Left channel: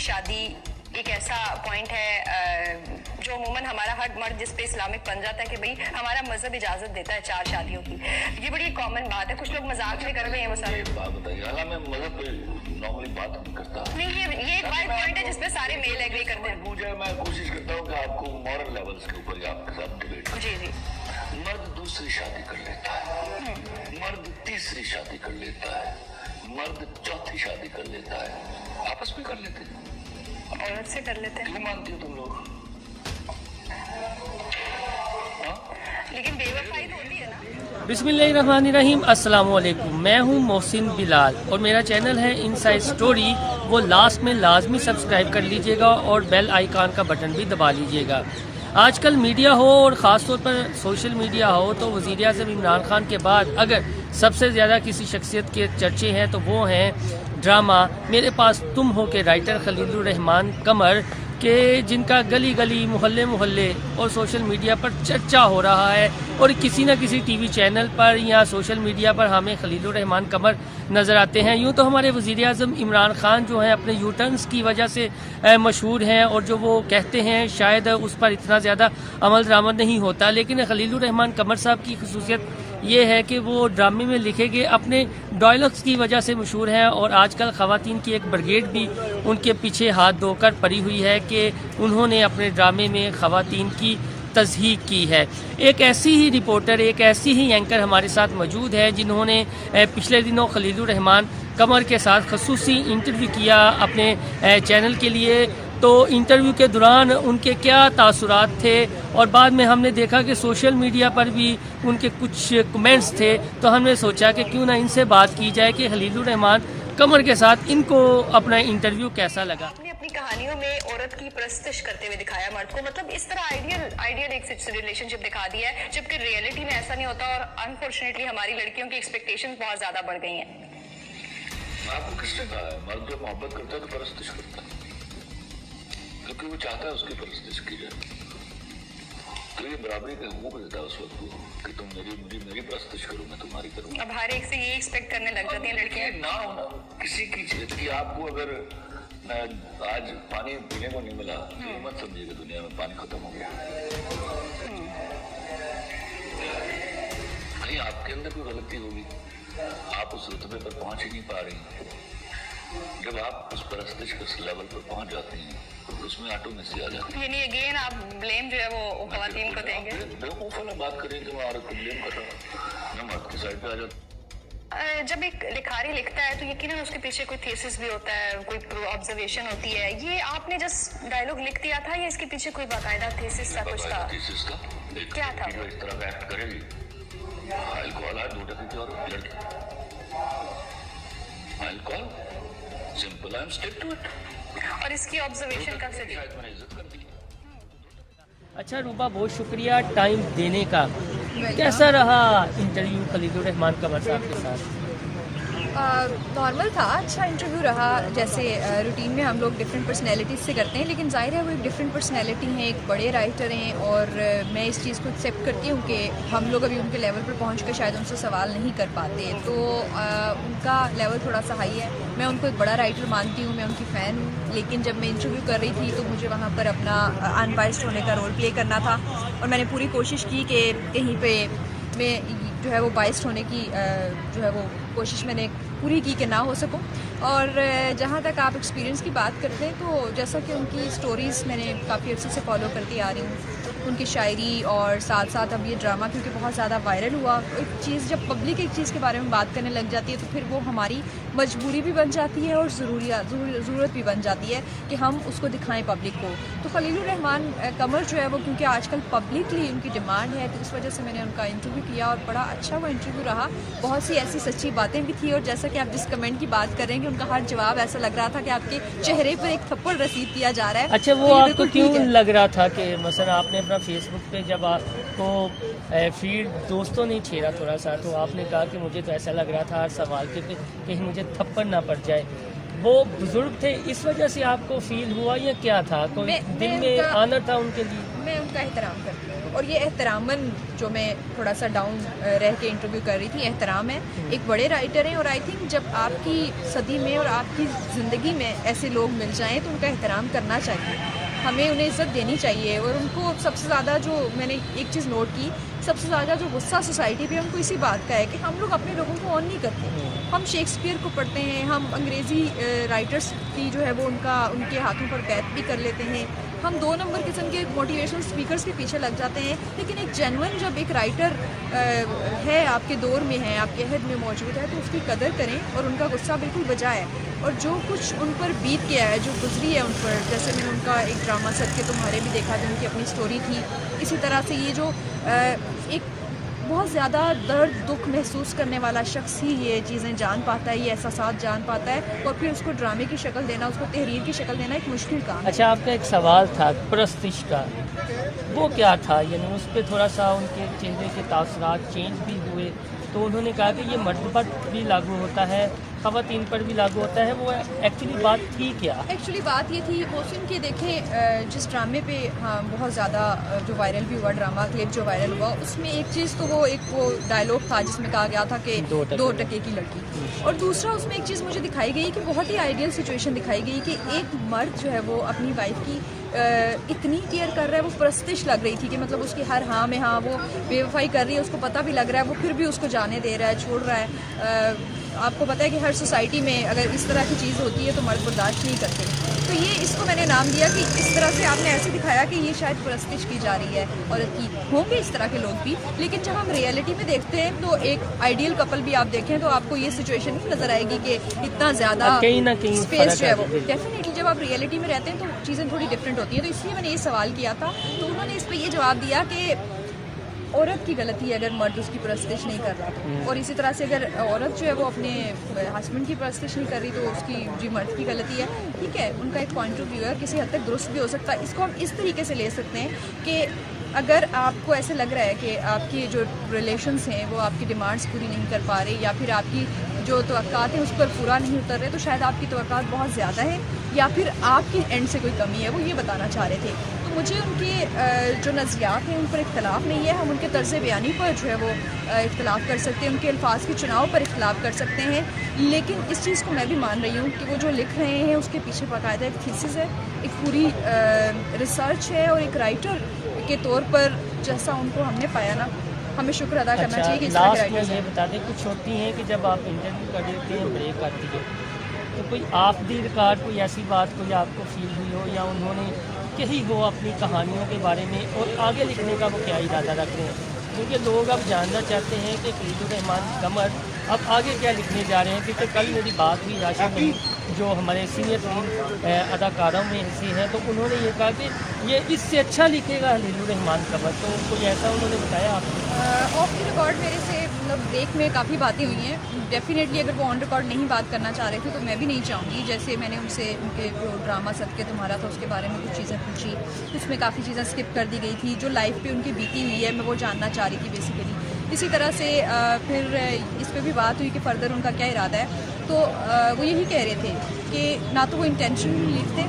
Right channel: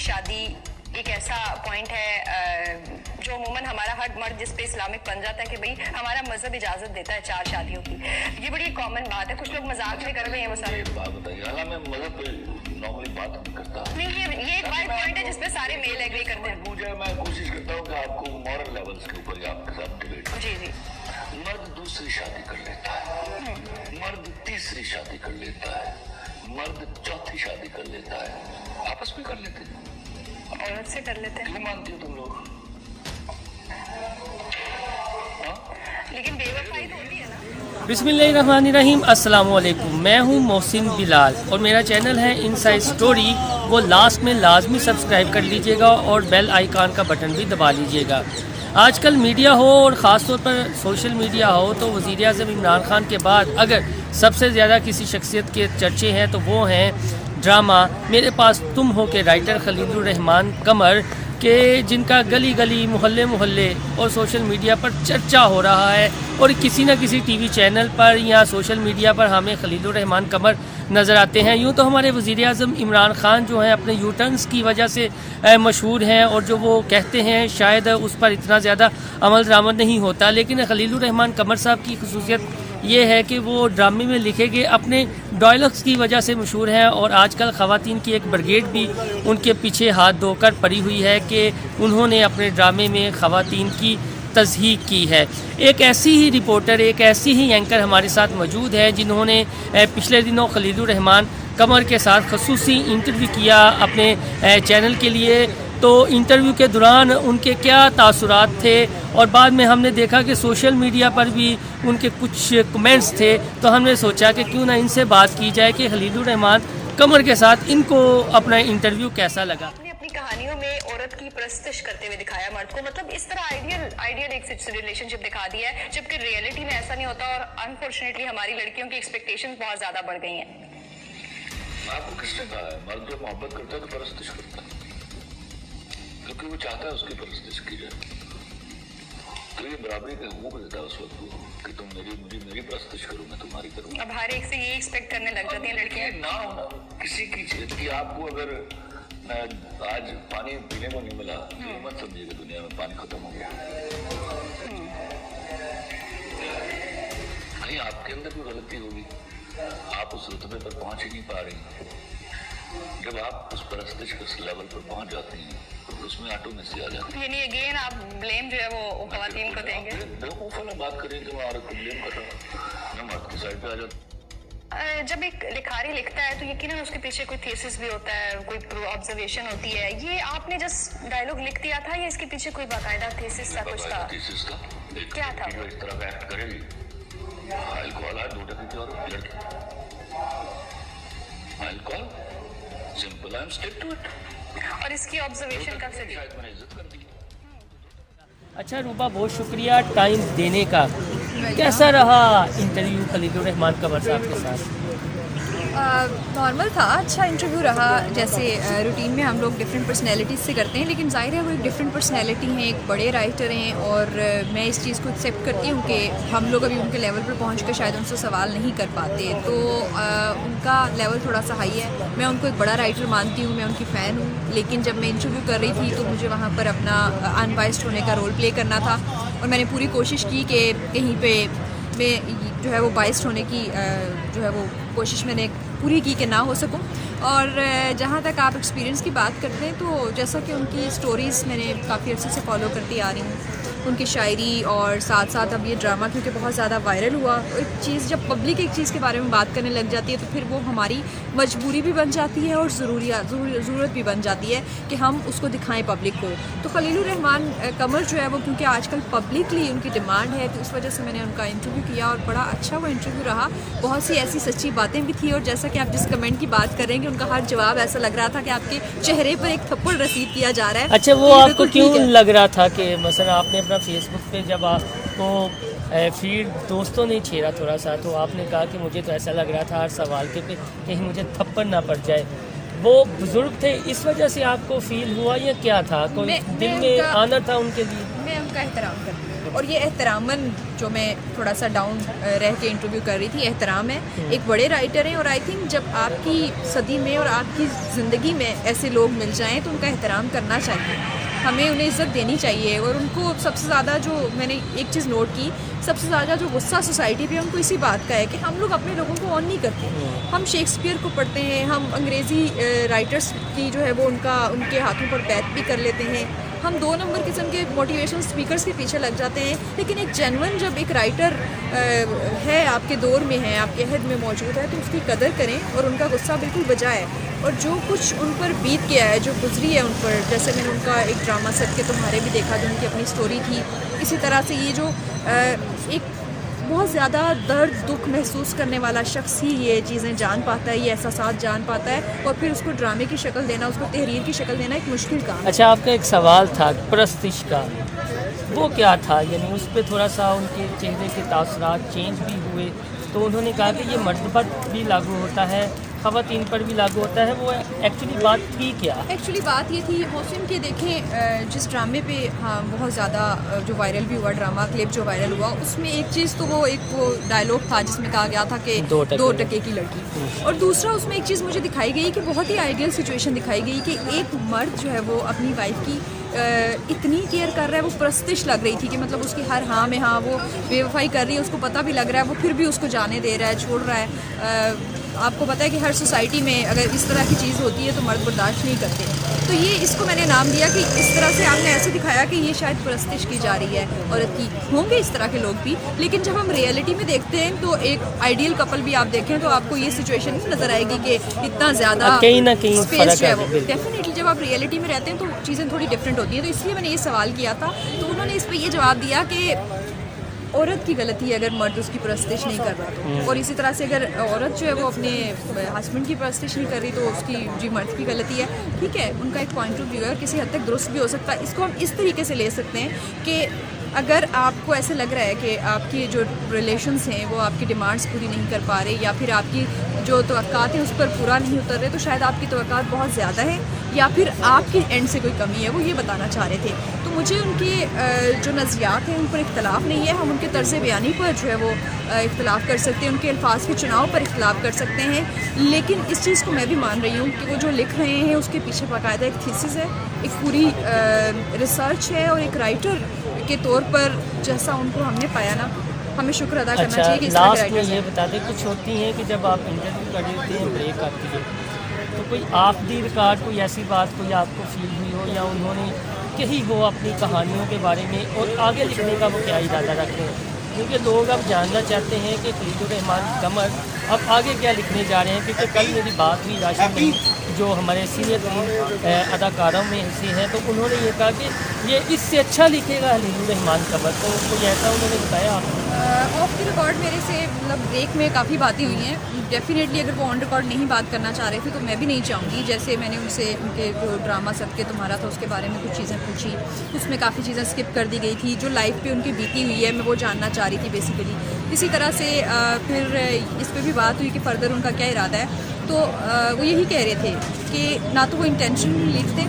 शादी एक ऐसा पॉइंट है जो अमूमन हमारा हर मर्द जिस पे इस्लामिक बन जाता है कि भाई हमारा मजहब इजाजत देता है 4 शादियों की। ये बड़ी कॉमन बात है, कुछ लोग मजाक में कर रहे हैं वो सारे। बात बताइए, हालांकि मैं मजहब पे नॉर्मली बात नहीं करता। नहीं, ये एक वाइड पॉइंट है जिसपे सारे मेल एग्री करते हैं। मुझे मैं कोशिश करता हूँ कि आपको मॉरल लेवल्स के ऊपर आपके साथ डिबेट। जी जी। मर्द दूसरी शादी कर लेता है, मर्द तीसरी शादी कर लेता है, मर्द चौथी शादी कर लेता है, आपस में कर लेते हैं, औरत से कर लेते हैं। क्यों मानती हो तुम लोग? लेकिन बेवफाई तो होती है ना। बिस्मिल्लाहिर्रहमानिर्रहीम, अस्सलाम वालेकुम। मैं हूं मोहसिन बिलाल और मेरा चैनल है इनसाइड स्टोरी। वो लास्ट में लाजमी सब्सक्राइब कर लीजिएगा और बेल आइकॉन का बटन भी दबा लीजिएगा। आजकल मीडिया हो और ख़ास तौर पर सोशल मीडिया हो तो वज़ीर आज़म इमरान खान के बाद अगर सबसे ज़्यादा किसी शख्सियत के चर्चे हैं तो वो हैं ड्रामा मेरे पास तुम हो के राइटर खलीलुर रहमान कमर के, जिनका गली गली मोहल्ले मोहल्ले और सोशल मीडिया पर चर्चा हो रहा है और किसी न किसी टीवी चैनल पर या सोशल मीडिया पर हमें खलीलुर रहमान कमर नज़र आते हैं। यूँ तो हमारे वज़ीर आज़म इमरान खान जो हैं अपने यू टर्न्स की वजह से मशहूर हैं और जो वो कहते हैं शायद उस पर इतना ज़्यादा अमल दरामद नहीं होता, लेकिन खलीलुर रहमान कमर साहब की खसूसियत ये है कि वो ड्रामे में लिखे गए अपने डायलॉग्स की वजह से मशहूर हैं और आजकल ख़वातीन की एक ब्रिगेड भी उनके पीछे हाथ धोकर पड़ी हुई है कि उन्होंने अपने ड्रामे में ख़वातीन की तज़हीक की है। एक ऐसी ही रिपोर्टर, एक ऐसी ही एंकर हमारे साथ मौजूद है जिन्होंने पिछले दिनों खलीलुर रहमान कमर के साथ खसूसी इंटरव्यू किया अपने चैनल के लिए। तो इंटरव्यू के दौरान उनके क्या तासुरात थे और बाद में हमने देखा कि सोशल मीडिया पर भी उनके कुछ कमेंट्स थे, तो हमने सोचा कि क्यों ना इनसे बात की जाए कि खलीलुर रहमान कमर के साथ इनको अपना इंटरव्यू कैसा लगा। आपने अपनी कहानियों में औरत की प्रस्तुत करते हुए दिखाया मर्द को, मतलब इस तरह आइडियल एक रिलेशनशिप दिखा दिया है, जबकि रियलिटी में ऐसा नहीं होता और अनफॉर्चुनेटली हमारी लड़कियों की एक्सपेक्टेशंस बहुत ज्यादा बढ़ गई हैं। आपको किसने कहा है? मर्द जब मोहब्बत करता है तो परस्तिश करता है, क्योंकि वो चाहता है उसकी परस्तिश की जाए। तो ये बराबरी का हुक्म देता है उस वक्त को कि तुम मेरी परस्तिश करो, मैं तुम्हारी करूँ। अब हर एक से ये एक्सपेक्ट करने लग जाती हैं लड़कियां। ना होना किसी की चीज की, आपको अगर आज पानी पीने को नहीं मिला तो मत समझिएगा दुनिया में पानी खत्म हो गया। नहीं, आपके अंदर कोई गलती होगी, आप उस रुतबे पर पहुंच ही नहीं पा रही। जब आप उस परस्तिश के लेवल पर पहुंच जाती हैं तो उसमें ऑटोमेसी आ जाती है। यानी अगेन आप ब्लेम जो है वो खवातीन को देंगे। बेवकूफ वाला बात करें कि मैं औरत को ब्लेम कर रहा हूँ, मैं मर्द की साइड पे आ जाता। जब एक लिखारी लिखता है तो यकीनन उसके पीछे कोई थीसिस भी होता है, कोई ऑब्जर्वेशन होती है। ये आपने जस्ट डायलॉग लिख दिया था या इसके पीछे कोई बाकायदा थीसिस सा कुछ था? थीसिस था। क्या था? जो इस तरह का एक्ट करेगी, अल्कोहल है 2 टके की और लड़की, alcohol simple, I am stick to it. और इसकी ऑब्जर्वेशन कब से थी? शायद मैंने इज्जत कर दी। अच्छा रूबा, बहुत शुक्रिया टाइम देने का। कैसा रहा इंटरव्यू खलीलुर रहमान कमर साहब के साथ? नॉर्मल था, अच्छा इंटरव्यू रहा। जैसे रूटीन में हम लोग डिफरेंट पर्सनैलिटीज़ से करते हैं, लेकिन जाहिर है वो एक डिफरेंट पर्सनैलिटी हैं, एक बड़े राइटर हैं और मैं इस चीज़ को एक्सेप्ट करती हूँ कि हम लोग अभी उनके लेवल पर पहुँच कर शायद उनसे सवाल नहीं कर पाते, तो उनका लेवल थोड़ा सा हाई है। मैं उनको एक बड़ा राइटर मानती हूँ, मैं उनकी फ़ैन हूँ, लेकिन जब मैं इंटरव्यू कर रही थी तो मुझे वहाँ पर अपना अनबायस्ड होने का रोल प्ले करना था और मैंने पूरी कोशिश की कि कहीं पर मैं जो है वो बायस्ड होने की जो है वो कोशिश मैंने पूरी की कि ना हो सकूं। और जहाँ तक आप एक्सपीरियंस की बात करते हैं तो जैसा कि उनकी स्टोरीज़ मैंने काफ़ी अर्से से फॉलो करती आ रही हूँ, उनकी शायरी और साथ साथ अब ये ड्रामा क्योंकि बहुत ज़्यादा वायरल हुआ, एक चीज़ जब पब्लिक एक चीज़ के बारे में बात करने लग जाती है तो फिर वो हमारी मजबूरी भी बन जाती है और ज़रूरत भी बन जाती है कि हम उसको दिखाएं पब्लिक को। तो खलीलुर रहमान कमर जो है वो क्योंकि आजकल पब्लिकली उनकी डिमांड है तो इस वजह से मैंने उनका इंटरव्यू किया और बड़ा अच्छा वो इंटरव्यू रहा। बहुत सी ऐसी सच्ची बातें भी थी और जैसा कि आप जिस कमेंट की बात कर रहे हैं कि उनका हर जवाब ऐसा लग रहा था कि आपके चेहरे पर एक थप्पड़ रसीद किया जा रहा है। अच्छा, वो आपको क्यों लग रहा था कि मसलन आपने अपना फेसबुक पे जब आपको फीड दोस्तों ने छेड़ा थोड़ा सा तो आपने कहा कि मुझे तो ऐसा लग रहा था हर सवाल के पे कहीं मुझे थप्पड़ ना पड़ जाए, वो बुजुर्ग थे इस वजह से आपको फील हुआ या क्या था? कोई दिल में आना था उनके लिए? मैं उनका एहतराम करती हूँ। और ये एहतरामन जो मैं थोड़ा सा डाउन रह के इंटरव्यू कर रही थी, एहतराम है। एक बड़े राइटर हैं और आई थिंक जब आपकी सदी में और आपकी ज़िंदगी में ऐसे लोग मिल जाएं तो उनका एहतराम करना चाहिए, हमें उन्हें इज़्ज़त देनी चाहिए। और उनको सबसे ज़्यादा जो मैंने एक चीज़ नोट की, सबसे ज़्यादा जो गुस्सा सोसाइटी पे उनको इसी बात का है कि हम लोग अपने लोगों को ऑन नहीं करते। हम शेक्सपियर को पढ़ते हैं, हम अंग्रेज़ी राइटर्स की जो है वो उनके हाथों पर बैत भी कर लेते हैं, हम 2 नंबर किस्म के मोटिवेशन स्पीकर्स के पीछे लग जाते हैं। लेकिन एक जेन्युइन जब एक राइटर है, आपके दौर में है, आपके अहद में मौजूद है, तो उसकी कदर करें और उनका गुस्सा बिल्कुल बजाए। और जो कुछ उन पर बीत गया है, जो गुजरी है उन पर, जैसे मैंने उनका एक ड्रामा सेट के तुम्हारे भी देखा जो उनकी अपनी स्टोरी थी, इसी तरह से ये जो एक बहुत ज़्यादा दर्द दुख महसूस करने वाला शख्स ही ये चीज़ें जान पाता है, ये एहसास जान पाता है और फिर उसको ड्रामे की शक्ल देना, उसको तहरीर की शक्ल देना एक मुश्किल काम है। अच्छा, आपका एक सवाल था परस्तिश का, वो क्या था? यानी उस पर थोड़ा सा उनके चेहरे के तासरात चेंज भी हुए, तो उन्होंने कहा कि ये मर्द पर भी लागू होता है, ख़वातीन पर भी लागू होता है। वो एक्चुअली बात थी क्या? एक्चुअली बात ये थी मोहसिन कि देखें, जिस ड्रामे पे बहुत ज़्यादा जो वायरल भी हुआ, ड्रामा क्लिप जो वायरल हुआ, उसमें एक चीज़ तो वो डायलॉग था जिसमें कहा गया था कि 2 टके की लड़की, और दूसरा उसमें एक चीज़ मुझे दिखाई गई कि बहुत ही आइडियल सिचुएशन दिखाई गई कि एक मर्द जो है वो अपनी वाइफ की इतनी केयर कर रहा है, वो परस्तिश लग रही थी कि मतलब उसकी हर हाँ में हाँ, वो बेवफाई कर रही है, उसको पता भी लग रहा है, वो फिर भी उसको जाने दे रहा है, छोड़ रहा है। आपको पता है कि हर सोसाइटी में अगर इस तरह की चीज़ होती है तो मर्द बर्दाश्त नहीं करते। तो ये इसको मैंने नाम दिया कि इस तरह से आपने ऐसे दिखाया कि ये शायद परस्तिश की जा रही है औरत की। होंगे इस तरह के लोग भी, लेकिन जब हम रियलिटी में देखते हैं तो एक आइडियल कपल भी आप देखें तो आपको ये सिचुएशन नज़र आएगी कि इतना ज़्यादा कहीं ना कहीं स्पेस है वो। डेफिनेटली जब आप रियलिटी में रहते हैं तो चीज़ें थोड़ी डिफरेंट होती हैं। तो इसलिए मैंने ये सवाल किया था, तो उन्होंने इस पर ये जवाब दिया कि औरत की गलती है अगर मर्द उसकी परस्तिश नहीं कर रहा तो, और इसी तरह से अगर औरत जो है वो अपने हस्बैंड की परस्तिश नहीं कर रही तो उसकी जी मर्द की गलती है। ठीक है, उनका एक पॉइंट ऑफ व्यू है, किसी हद तक दुरुस्त भी हो सकता है। इसको हम इस तरीके से ले सकते हैं कि अगर आपको ऐसे लग रहा है कि आपकी जो रिलेशंस हैं वो आपकी डिमांड्स पूरी नहीं कर पा रहे, या फिर आपकी जो तवक्कात हैं उस पर पूरा नहीं उतर रहे, तो शायद आपकी तवक्कात बहुत ज़्यादा है या फिर आपकी एंड से कोई कमी है, वो ये बताना चाह रहे थे। तो मुझे उनके जो नज़रियात हैं उन पर इख्तलाफ नहीं है, हम उनके तर्ज़ बयानी पर जो है वो इख्तलाफ कर सकते हैं, उनके अल्फाज के चुनाव पर इख्तलाफ कर सकते हैं। लेकिन इस चीज़ को मैं भी मान रही हूँ कि वो जो लिख रहे हैं उसके पीछे बाकायदा एक थीसिस है, एक पूरी रिसर्च है, और एक राइटर के तौर पर जैसा उनको हमने पाया ना, हमें शुक्र अदा करना चाहिए कि इस तरह के लास्ट में राइटर्स ये हैं। बता दें, कुछ होती हैं कि जब आप इंटरव्यू कर रहे थे, ब्रेक आती है, तो कोई ऑफ द रिकॉर्ड कोई ऐसी बात कोई आपको फील हुई हो या उन्होंने कही हो अपनी कहानियों के बारे में, और आगे लिखने का वो क्या इरादा रखते हैं? क्योंकि लोग अब जानना चाहते हैं कि खलीलुर्रहमान कमर अब आगे क्या लिखने जा रहे हैं। क्योंकि कल मेरी बात हुई राशिद में, जो हमारे सीनियर 3 अदाकारों में से हैं, तो उन्होंने ये कहा कि ये इससे अच्छा लिखेगा खलीलुर्रहमान कमर। तो कोई ऐसा उन्होंने बताया आपको? ऑफ द रिकॉर्ड मेरे से मतलब ब्रेक में काफ़ी बातें हुई हैं। डेफिनेटली अगर वो ऑन रिकॉर्ड नहीं बात करना चाह रहे थे तो मैं भी नहीं चाहूँगी। जैसे मैंने उनसे उनके जो ड्रामा सब के तुम्हारा था उसके बारे में कुछ चीज़ें पूछी, उसमें काफ़ी चीज़ें स्किप कर दी गई थी, जो लाइफ पे उनकी बीती हुई है मैं वो जानना चाह रही थी बेसिकली। इसी तरह से फिर इस पर भी बात हुई कि फ़र्दर उनका क्या इरादा है। तो वो यही कह रहे थे कि ना तो वो इंटेंशन लिखते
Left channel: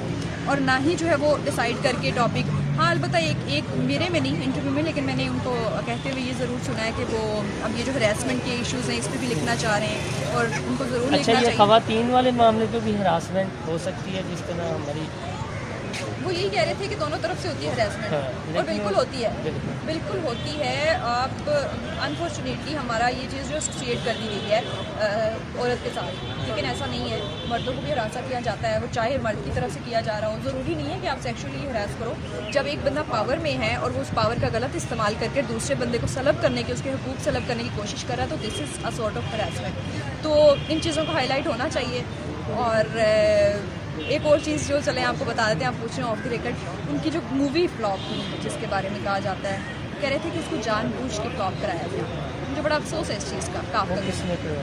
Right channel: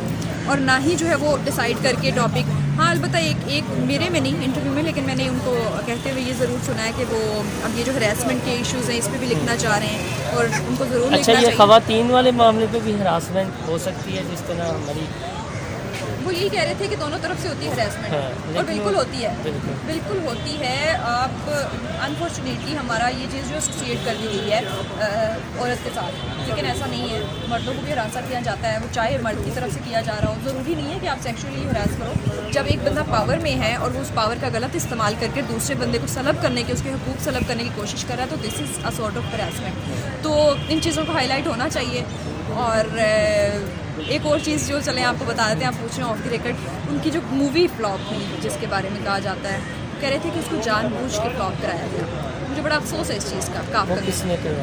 और ना ही जो है वो डिसाइड करके टॉपिक। हाँ, अलबत्ता एक मेरे में नहीं इंटरव्यू में, लेकिन मैंने उनको कहते हुए ये ज़रूर सुना है कि वो अब ये जो हरासमेंट के इश्यूज़ हैं इस पर भी लिखना चाह रहे हैं और उनको ज़रूर अच्छा, लिखना ये चाहिए। ख़वातीन वाले मामले पे भी हरासमेंट हो सकती है जिस तरह हमारी, वो यही कह रहे थे कि दोनों तरफ से होती है हरासमेंट। हाँ, और बिल्कुल होती है, बिल्कुल। बिल्कुल होती है। आप अनफॉर्चुनेटली हमारा ये चीज़ जो एसोसिएट कर दी गई है औरत के साथ, लेकिन ऐसा नहीं है। मर्दों को भी हरासा किया जाता है, चाहे मर्द की तरफ से किया जा रहा हो। ज़रूरी नहीं है कि आप सेक्सुअली हरास करो। जब एक बंदा पावर में है और वो उस पावर का गलत इस्तेमाल करके दूसरे बंदे को सलब करने की, उसके हुकूक सलब करने की कोशिश कर रहा है, तो this is a sort of harassment. तो इन चीज़ों को हाईलाइट होना चाहिए। और एक और चीज़ जो चले आपको बता देते हैं, आप पूछ रहे हैं ऑफ द रिकॉर्ड, उनकी जो मूवी फ्लॉप हुई जिसके बारे में कहा जाता है, कह रहे थे कि उसको जानबूझ के फ्लॉप कराया गया। मुझे बड़ा अफसोस है इस चीज़ का, काफ़ी। किसने किया?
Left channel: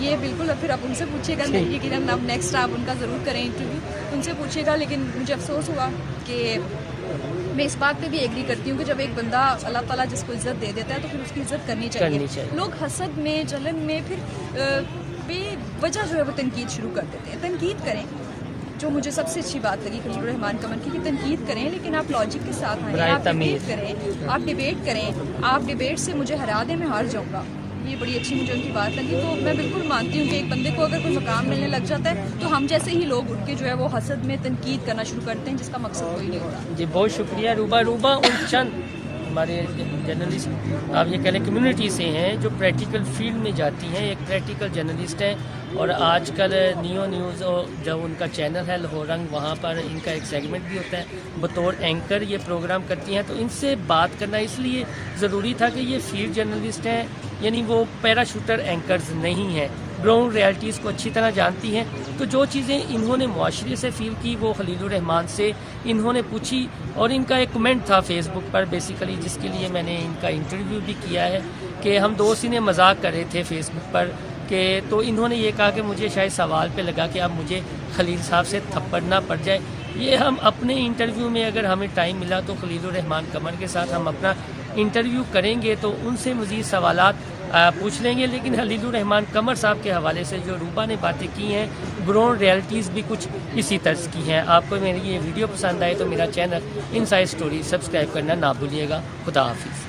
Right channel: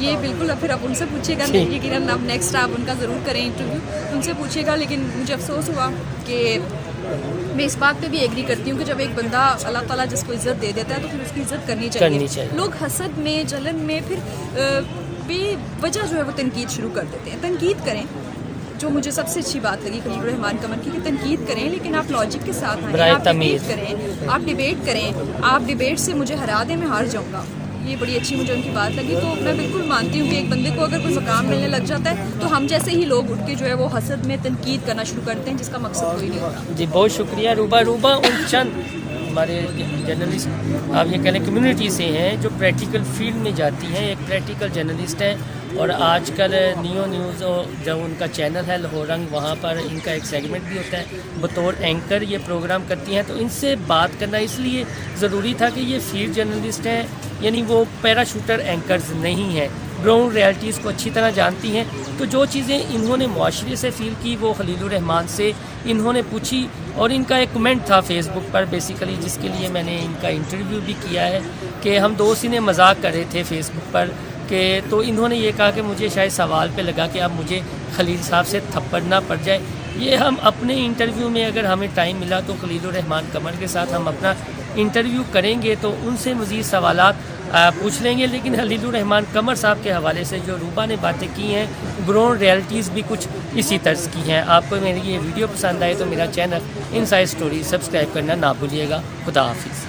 ये बिल्कुल अब फिर आप उनसे पूछिएगा, यकीनन अब नेक्स्ट आप उनका ज़रूर करें इंटरव्यू, उनसे पूछिएगा। लेकिन मुझे अफसोस हुआ कि मैं इस बात पे भी एग्री करती हूँ कि जब एक बंदा अल्लाह ताला जिसको इज़्ज़त दे देता है तो फिर उसकी इज़्ज़त करनी चाहिए। लोग हसद में, जलन में फिर बेवजह जो है वो तनकीद शुरू कर देते हैं। तनकीद करें, जो मुझे सबसे अच्छी बात लगी खलील रहमान कमर की, कि तनकीद करें लेकिन आप लॉजिक के साथ आएं, बराए आप तमीज़। डिबेट करें, आप डिबेट से मुझे हरा दें, मैं हार जाऊँगा। ये बड़ी अच्छी मुझे उनकी बात लगी। तो मैं बिल्कुल मानती हूँ कि एक बंदे को अगर कोई मकाम मिलने लग जाता है तो हम जैसे ही लोग उठ के जो है वो हसद में तनकीद करना शुरू करते हैं, जिसका मकसद कोई नहीं होता। जी बहुत शुक्रिया रूबा। उन चंद हमारे जर्नलिस्ट, आप ये कह लें कम्युनिटी से हैं जो प्रैक्टिकल फील्ड में जाती हैं, एक प्रैक्टिकल जर्नलिस्ट हैं और आजकल नियो न्यूज़ जब उनका चैनल है लाहौर रंग, वहाँ पर इनका एक सेगमेंट भी होता है, बतौर एंकर ये प्रोग्राम करती हैं। तो इनसे बात करना इसलिए ज़रूरी था कि ये फील्ड जर्नलिस्ट हैं, यानी वो पैराशूटर एंकर्स नहीं हैं, ग्राउंड रियलिटीज़ को अच्छी तरह जानती हैं। तो जो चीज़ें इन्होंने माशरे से फील की वो खलीलुर रहमान से इन्होंने पूछी और इनका एक कमेंट था फेसबुक पर बेसिकली, जिसके लिए मैंने इनका इंटरव्यू भी किया है, कि हम दोस्त इन्हें मजाक कर रहे थे फेसबुक पर कि, तो इन्होंने ये कहा कि मुझे शायद सवाल पे लगा कि अब मुझे खलील साहब से थप्पड़ ना पड़ जाए। ये हम अपने इंटरव्यू में अगर हमें टाइम मिला तो खलीलुर रहमान कमर के साथ हम अपना इंटरव्यू करेंगे, तो उनसे मज़ीद सवालात पूछ लेंगे। लेकिन खलीलुर रहमान कमर साहब के हवाले से जो रूबा ने बातें की हैं, ग्राउंड रियलिटीज़ भी कुछ इसी तर्ज की हैं। आपको मेरी ये वीडियो पसंद आए तो मेरा चैनल इनसाइड स्टोरी सब्सक्राइब करना ना भूलिएगा। खुदा हाफिज़।